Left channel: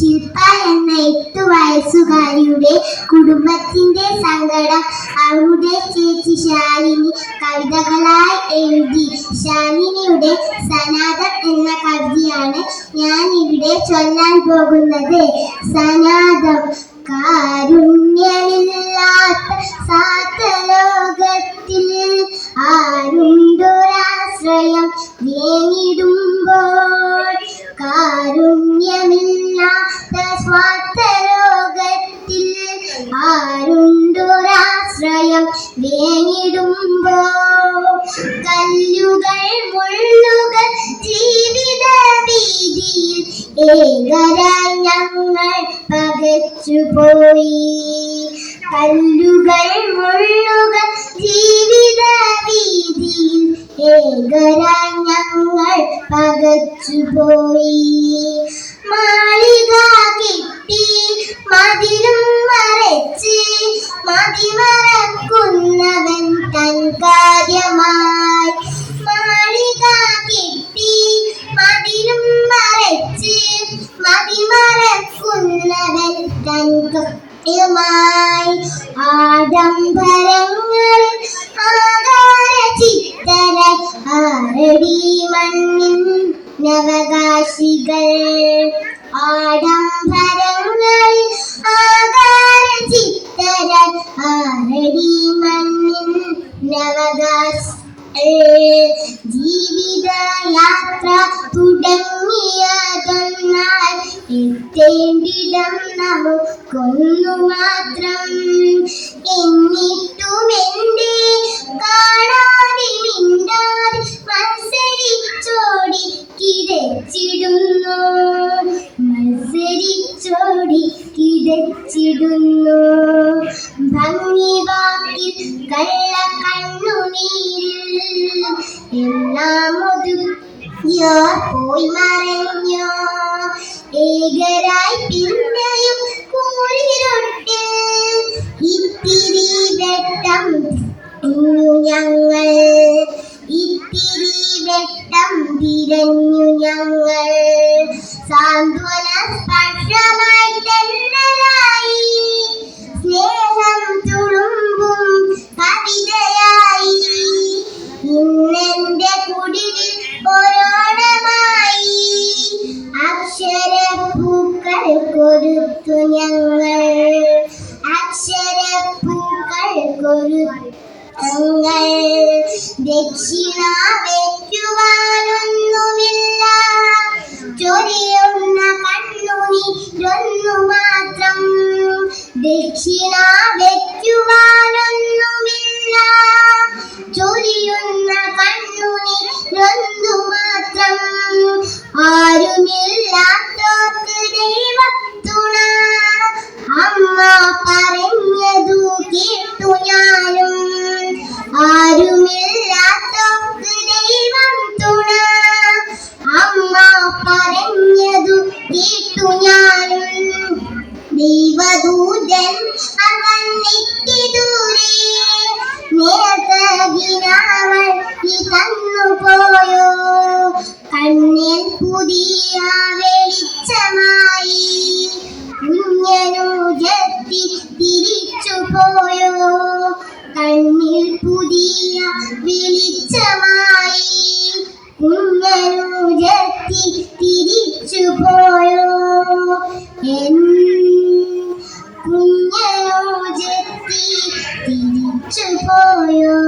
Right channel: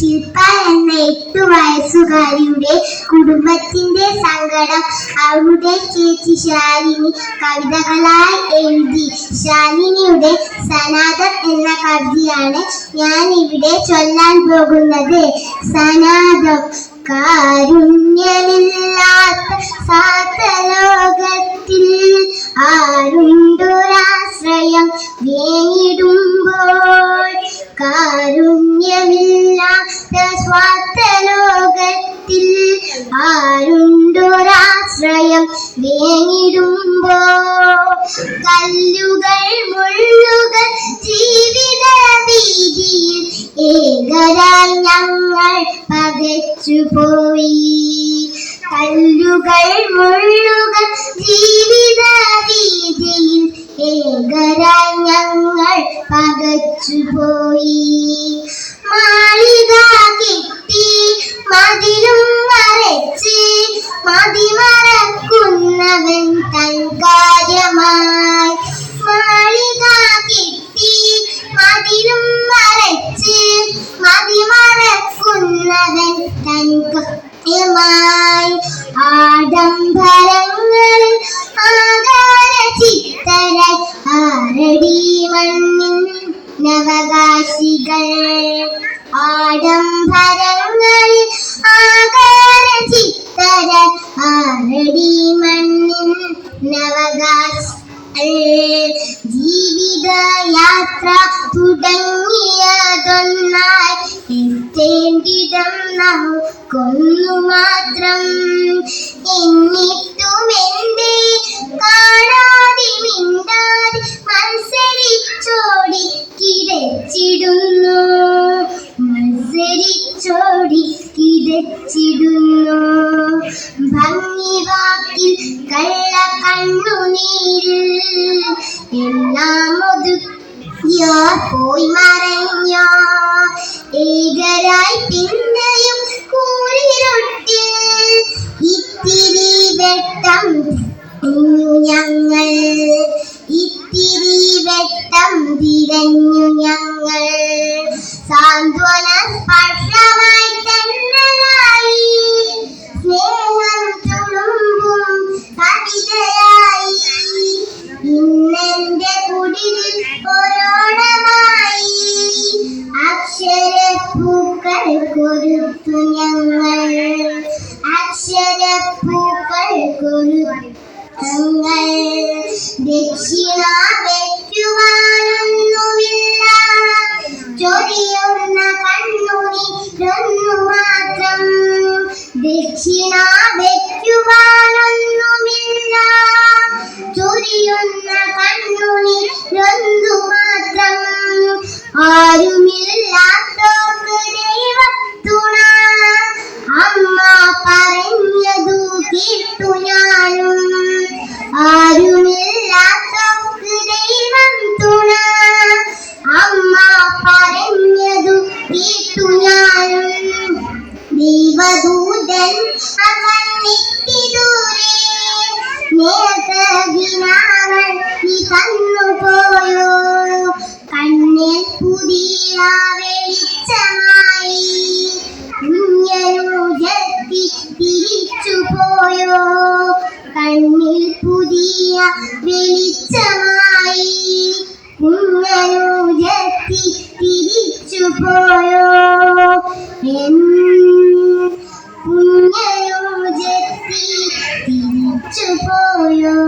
ശില്പ എന്ന 8 വയസ്സുകാരിയുടെ കുടുംബത്തിന്റെ സങ്കടം അവരുടെ ചേച്ചി ശാലിനി കവിതകളായി എഴുതി. ശാലിനിയുടെ സനാതം എന്ന കവിതയാണ് ഞാൻ ഇവിടെ ചൊല്ലാൻ പോകുന്നത്. സനാതം. കാരുണ്യമില്ലാത്ത സാത്തലോകത്തിൽ ആരുണ്ടൊരാശ്രയം വേങ്ങിടുമ്പോൾ. കാരുണ്യമില്ലാത്ത സ്വാത്തലോകത്തിൽ ആരുണ്ടൊരാശ്രയം വേങ്ങിടുമ്പോൾ. കല്ലുകൾ മുള്ളുകൾ ജീവിത വീതിയിൽ ഏകരായി ഞങ്ങൾ പകച്ചുപോയി. കല്ലുകൾ മുള്ളുകൾ ജീവിത വീതിയിൽ ഏകരായി ഞങ്ങൾ പകച്ചുപോയി. മാളിക കെട്ടി മതിലും മറച്ച് മതിമറക്കുന്നവൻ തൻ കാര്യമായി. മാളിക കെട്ടി മതിലും മറച്ച് മതിമറക്കുന്നവൻ തൻ കാര്യമായി. ആഡംബരങ്ങളിൽ ആകാര ചിത്തരായി ആരടി മണ്ണിൻ നവകാശികൾ. ആഡംബരങ്ങളിൽ ആകാര ചിത്തരായി ആരടി മണ്ണിൻ നവകാശികൾ. ജീവിതയാത്ര തുടങ്ങിയതൊന്നായി എത്തേണ്ടിടം നമുക്കൊന്നു മാത്രം. എന്നിട്ടുമെന്തേ കാണാതെ മിണ്ടാതെ മത്സരിച്ചോടി കിതച്ചിടുന്നു. മത്സരിച്ചോടി കിതച്ചിടുന്നു. ഭംഗി വാക്കിൽ കള്ള കണ്ണുനീരിൽ എല്ലാം ഒതുക്കിയോ പോയി മറഞ്ഞോ. ഏകരായി പിന്നെയും കൂരിരുട്ടിൽ ഇത്തിരി വെട്ടം ഞങ്ങൾ. ഇത്തിരി വെട്ടം തിരഞ്ഞു ഞങ്ങൾ. സാന്ത്വന സ്പർശമായി തെന്നലായി സ്നേഹം തുളുമ്പും കവിതയായി. ഇന്നെന്റെ കുടിലിൽ ഒരോണമായി അക്ഷരപ്പൂക്കൾ കൊരുത്തു ഞങ്ങൾ. അക്ഷരപ്പൂക്കൾ കൊരുത്തു ഞങ്ങൾ. ദക്ഷിണ വയ്ക്കുവാനൊന്നുമില്ല ചൊരിയുന്ന കണ്ണുനീരൊന്നു മാത്രം. ദക്ഷിണ വയ്ക്കുവാനൊന്നുമില്ല ചൊരിയുന്ന കണ്ണുനീരൊന്നു മാത്രം. ആരുമില്ലാത്തോർക്ക് ദൈവത്തുണ അമ്മ പറഞ്ഞതു കേട്ടു ഞാനും. ആരുമില്ലാത്തോർക്ക് ദൈവം തുണ അമ്മ പറഞ്ഞതു കേട്ടു ഞാനും. ദൈവദൂതൻ അവൻ എത്തി ദൂരെ നേർത്തകിനാവൾ നീ തന്നുപോയോ. കണ്ണിൽ പുതിയ വെളിച്ചമായി കുഞ്ഞനുജത്തി തിരിച്ചുപോയോ. കണ്ണിൽ പുതിയ വെളിച്ചമായി കുഞ്ഞനുജത്തി തിരിച്ചുപോയോ. കുഞ്ഞനുജത്തി തിരിച്ചുപോയോ.